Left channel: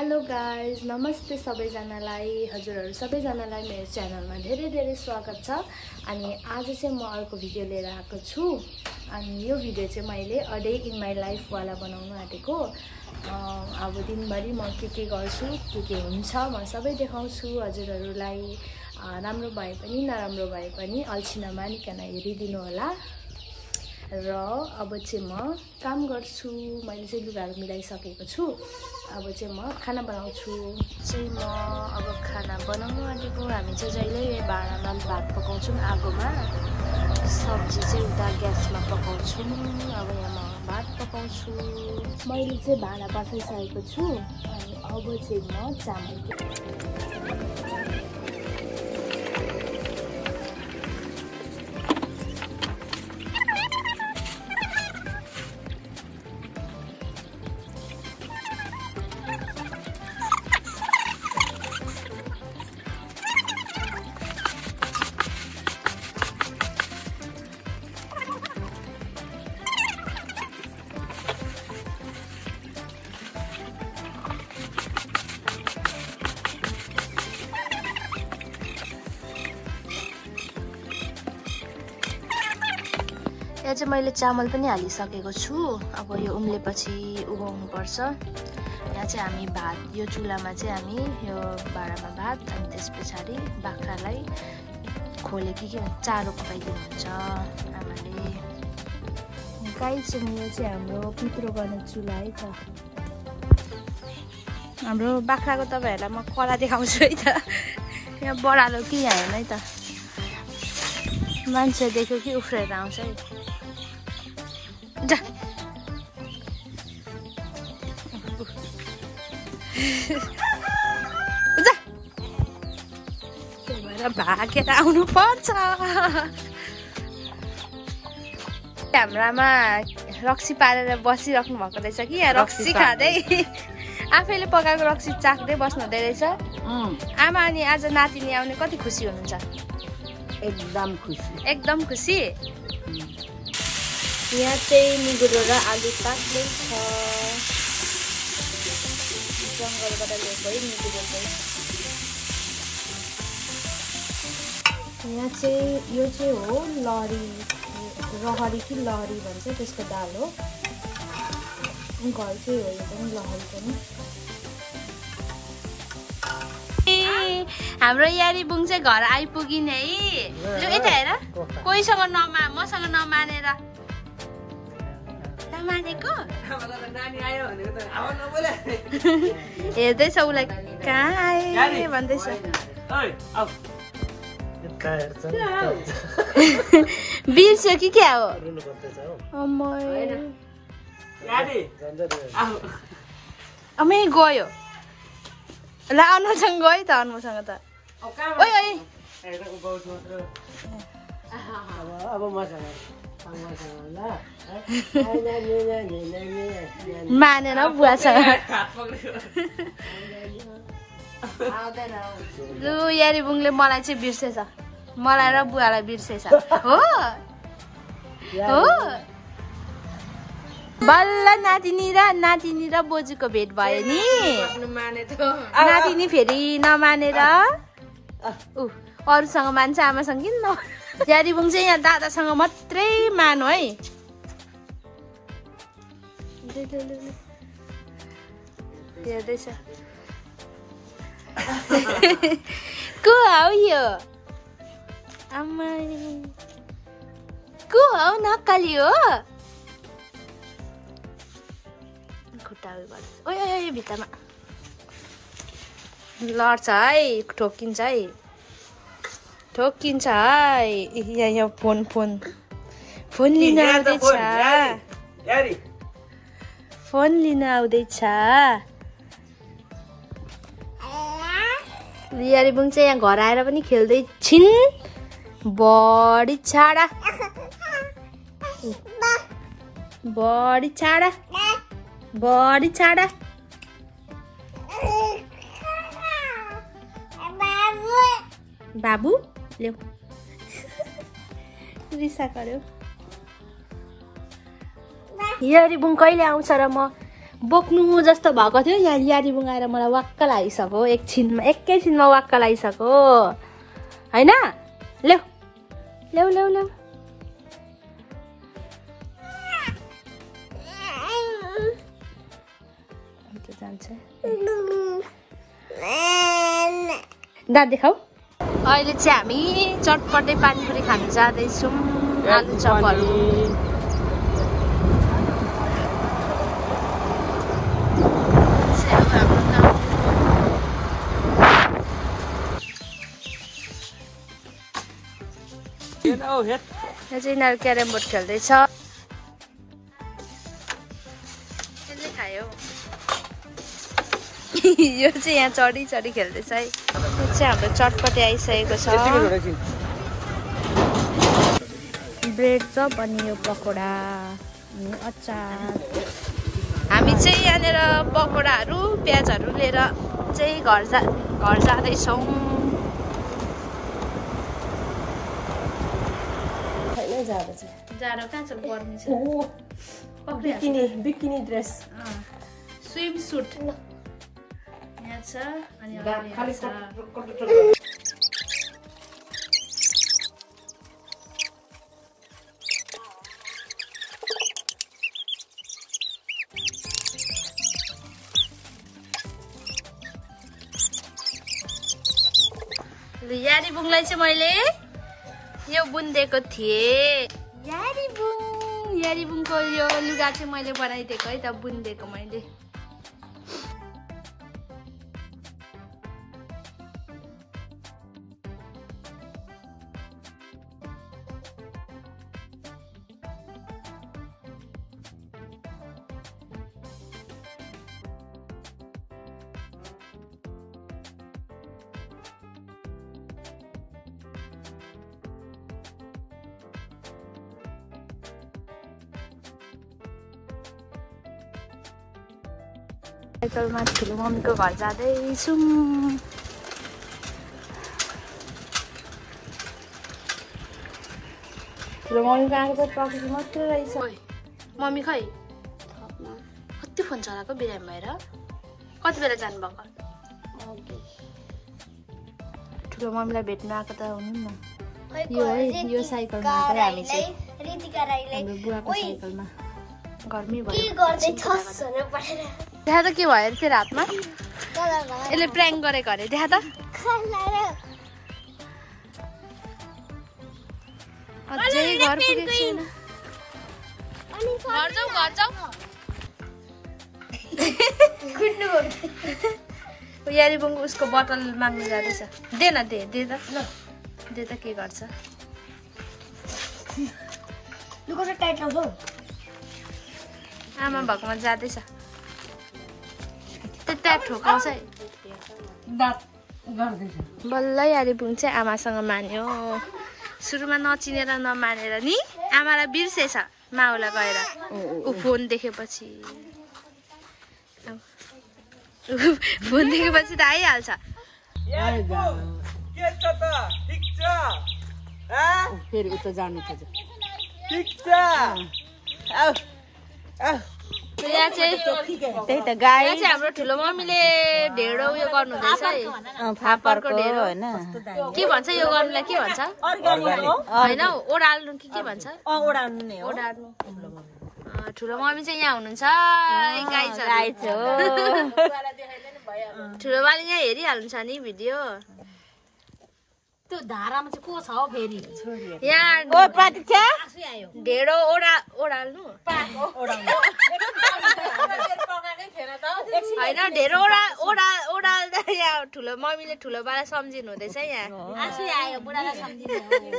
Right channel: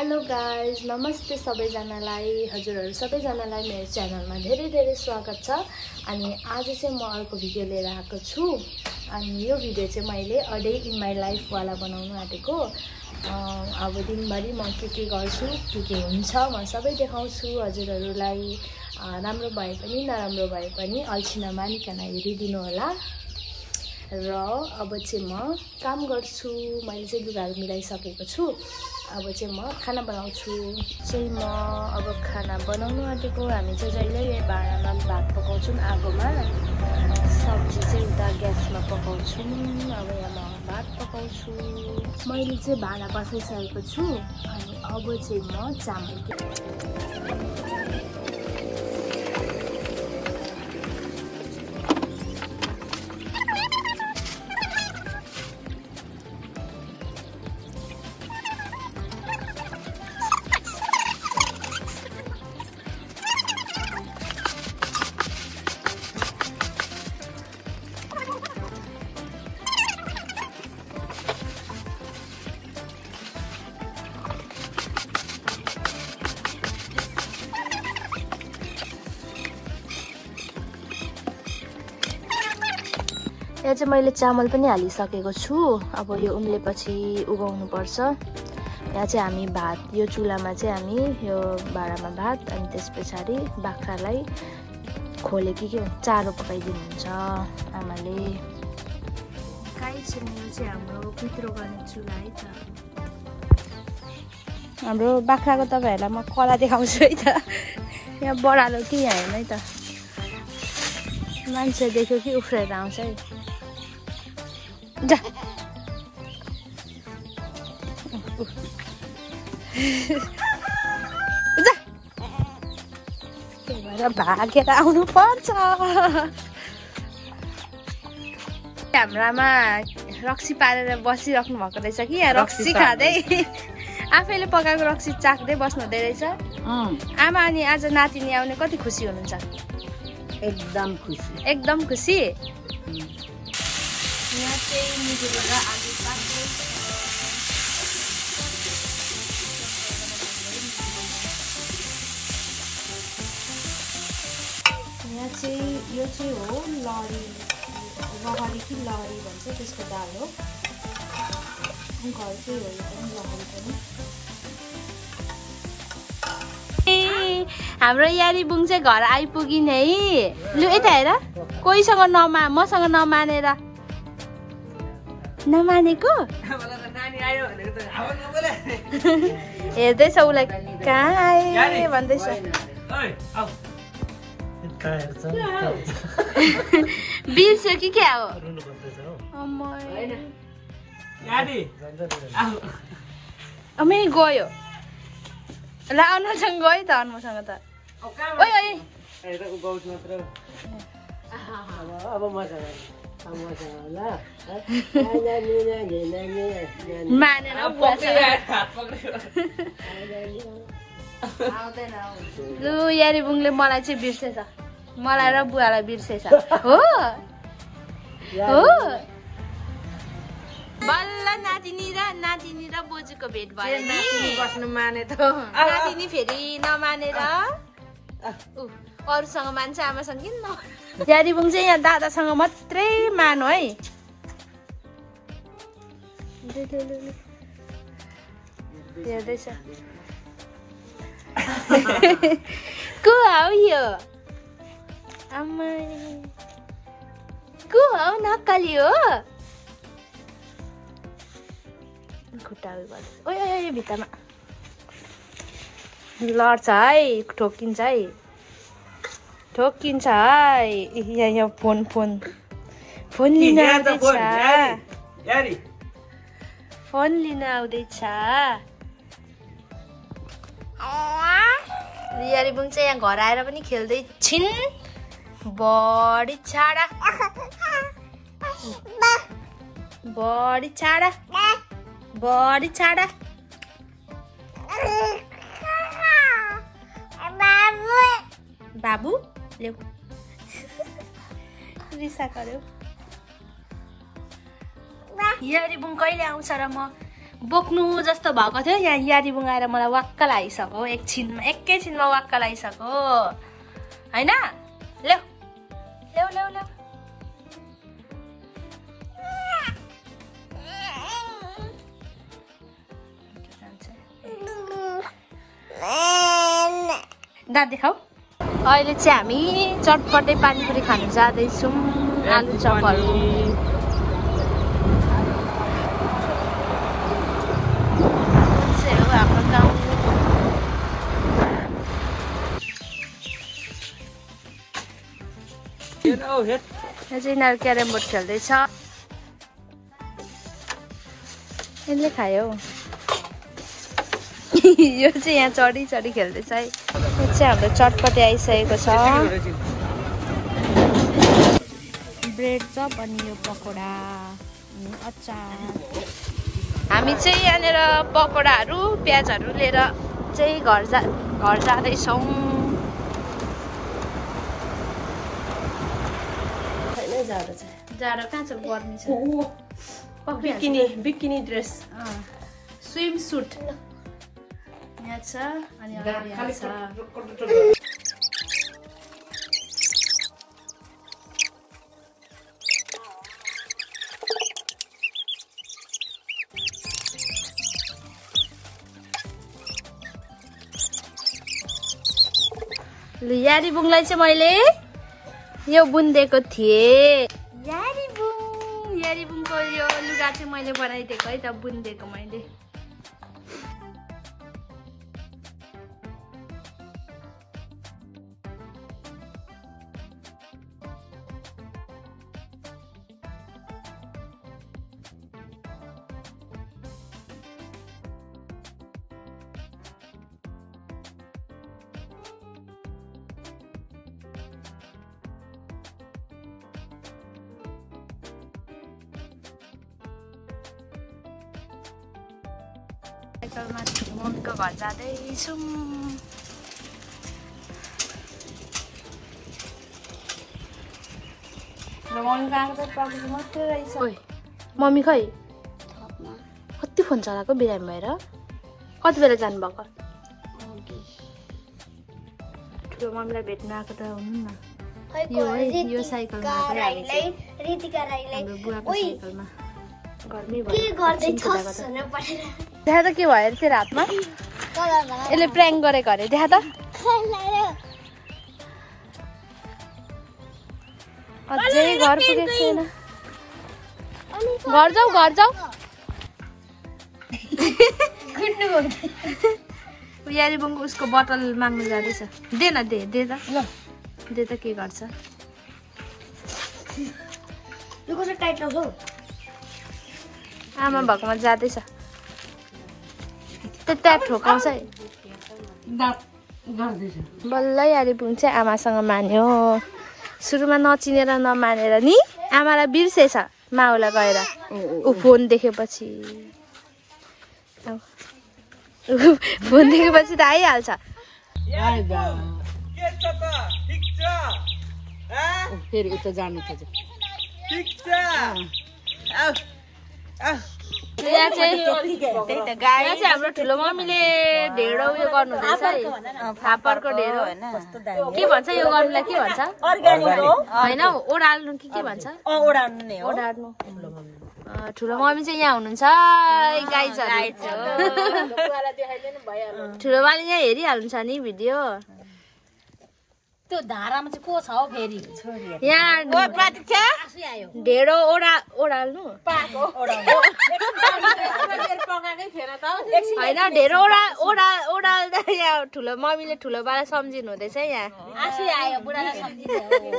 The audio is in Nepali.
हेलो गाइज, नमस्ते सबैजनालाई। हजुरहरू सबैजनालाई मेरो च्यानलमा धेरै धेरै स्वागत छ। अनि आज चाहिँ म अर्को भिडियो लिएर आएको छु। अनि यो भिडियो चाहिँ मैले a day in my life वाला बनाउनु आँटेको। अब दिनभरि म के गर्छु, के हुन्छ म सबै देखाउँछु हजुरहरूलाई। राम्रो भए पनि नराम्रो भए पनि अल्छी नमानिकन हेरिदिनु होला। र अब चाहिँ म काम गर्छु। मैले चाहिँ लुगाहरू मिलाइसकेको छु। अब चाहिँ म खाना बनाउँछु। म अब खाना बनाउनु आँटेको। हामी चाहिँ जहिले भाँडामा भात पकाउँछौँ, आगोमा। सब्जी चाहिँ उता ग्यासमा पकाउँछौँ। अब यहाँ म भात पकाउँछु। मैले चाहिँ भाँडा बसाइसकेको छु। अनि अब चाहिँ म चामल यहाँ चाहिँ मैले चामल पनि हालिसकेको छु। अब यो उम्लेपछि उगाउनु पर्छ। यहाँ चाहिँ हामी भात, यो चुलामा चाहिँ हामी यो भाँडामा भात, अनि त्यस पछाडि बाख्रालाई खोले के चारो पकाइदिनुहुन्छ आमाले। गाई चाहिँ यो चाहिँ हाम्रो पित्रो गर्ने चुला है त। हाम्रो बाख्राको तपाईँहरूलाई म कला देखाउँछु है त। यहाँ बडालो कि यहाँ हेर्नु है त, मान्छे देख्यो कि उफ्रेर आउँछ है। जा जा, त्यही भएर भागेर आउनु पर्छ। हाम्रामा रक्सी पारेर बसिराख्नु भएको रहेछ कि यहाँ रक्सी खाँदै आफैले पकाएको रक्सी चाख्दै बस्नु हुँदै रहेछ। आमा अनि आज नातिनी आउने कति खुसी हुनुहुन्छ? एकदम खुसी, एकदम खुसी। यहाँ चाहिँ निगुरोर आलु पाक्दैछ। जङ्गलबाट ल्याउँदै निगुरो। यहाँ चाहिँ यो चाहिँ हो लहरी, रहरी कि लहरी भन्छ, त्यसको दाल हो। घरकै हो यो पनि, लहरी पनि। हाम्रो यारी बुङ चाहिँ घर आइपुगिन् है। लु यता हेर, कोहीसँग मसँग नमानेर नमानेको हेर्दैछ उसलाई, कहाँ आए भन्दैछ। बिर्से कि क्या हो? अमै गयो ल, अनुसँग गयो त, अनुसँग त। ओइ ओइ मानेर बुवासँग। लु यारी बुङले मलाई चाहिँ बिर्सेछ, मलाई र बुवालाई बिर्सेछ। हो हो, बल्ल नातिनी र बोजूको भेट भयो नि। नातिनी फेरि नमानेर अरूसँग मान्छ, आमासँग किन न। यारी बुङ चाहिँ यहाँ दादासँग मात्रै मानो है। हेर्दैछ को हौ यो? आमा को हौ? नक्कली हो। खुट्टाहरू गर्छ। ओइ ओइ भित्तामा लड्छ है, ठोकिन्छ है, ठोकिन्छ है। यहाँ फोन लिन आउँदैछ, फोन लिन आउँदैछ। यारी बुङ चाहिँ यहाँ घर आएर पनि खेल्दै छिन्। बडी छाडा, बडी छाडा, बडी छाडा। बाबु ल्याऊ, रिसा गर्यो। यारी बुङ कहिले आउँछ र म बोक्नु जस्तो भएको थियो यहाँ यारीबुङ आएर मलाई वाक्क लागिसक्यो एकैछिनमा वाक्क लागिसक्यो हैन ल्याउ ल्याउ ल्याउ ल्याउ दाँत देखाऊ अहिले चाहिँ हामी चटपटे पानीपुरी खान जाँदैछौँ आलु चपहरू हाम्रो गाउँ यहाँ चाहिँ यिनीहरू क्यारम बोर्ड खेल्दैछ यसले खायो यो चाहिँ यहाँ चढी चढी खेल्दैछ है यो चाहिँ हाम्रो चटपटे आइसकेको छ ब्रेड चप अनि यो पकोडा अनि अचार हामी चाहिँ यहाँनिर पकोडाहरू प्याजहरू लिएर चाहिँ घर जाँदैछौँ जाडो कहाँ छ गर्मी छ बिकिनी ड्रेस स्विम सुट यहाँ छ अनि यारीबुङलाई चाहिँ मैले यो बुनिदिएको थिएँ यारीबुङको यो लुगा चाहिँ मैले बनाइदिएको है त बुनिदिएको मैले साइकलमा ठुलो मम्मीको घर जाँदैछौँ ठुलो मम्मीको आएको चाहिँ प्रब्लम मात्रै रहेछ मम्मी खै कति फोन चलाएको बिरामी भएर कति बेला जानुभएको ठुलो मम्मीलाई भेट्न आएको त हुनु न यो है यो साइकलमा चाहिँ हामी चाहिँ हाम्रो बुवाको साइकलमा घरमै भयो देखा त के भयो अरे तेरो हातमा यसले प्र्याङ्क गरेको अरे देखा त अझै घर पुगेको छैन घर जाऊ यारीबुङको उसको बोतल माग्नु जाँदैछ दे न दे त ल दे त के गर्छ आमा भएकोमा जाँदैछ त्यता ठोकाउँछ है बल्ल यारीबुङ चाहिँ आमासँग मान्यो सुरुमा नचिनेर नमानेर नि आमालाई बिर्सेछ माउलाई गएर ऊ फोन देखेपछि त आइहाल्छ फेरि उता जानु खोज्यो यहाँ चाहिँ हाम्रो ठुलो मम्मीले ढेँडो उयो गर्नु हुँदैछ है फापरको ढेँडो के भन्छ यो गर्नुलाई के भन्छ होइन ओडाल्नु के भन्छ ओडाल्नु ठुलो मम्मी चाहिँ यहाँ हुनुहुन्छ ठुलो मम्मीले यहाँ हेरिहाल्नुहुन्छ नि भिडियो त्यो धारामा चाहिँ को छ हौ फेरि यहाँ ढेँडो ओडाल्नु होइन ढेँडो ओडाल्दा यहाँ ठुलो मम्मीले ठुलो बालाई सम्झिनु हुँदैछ यहाँ आँसु आयो बुढालाई सम्झिनु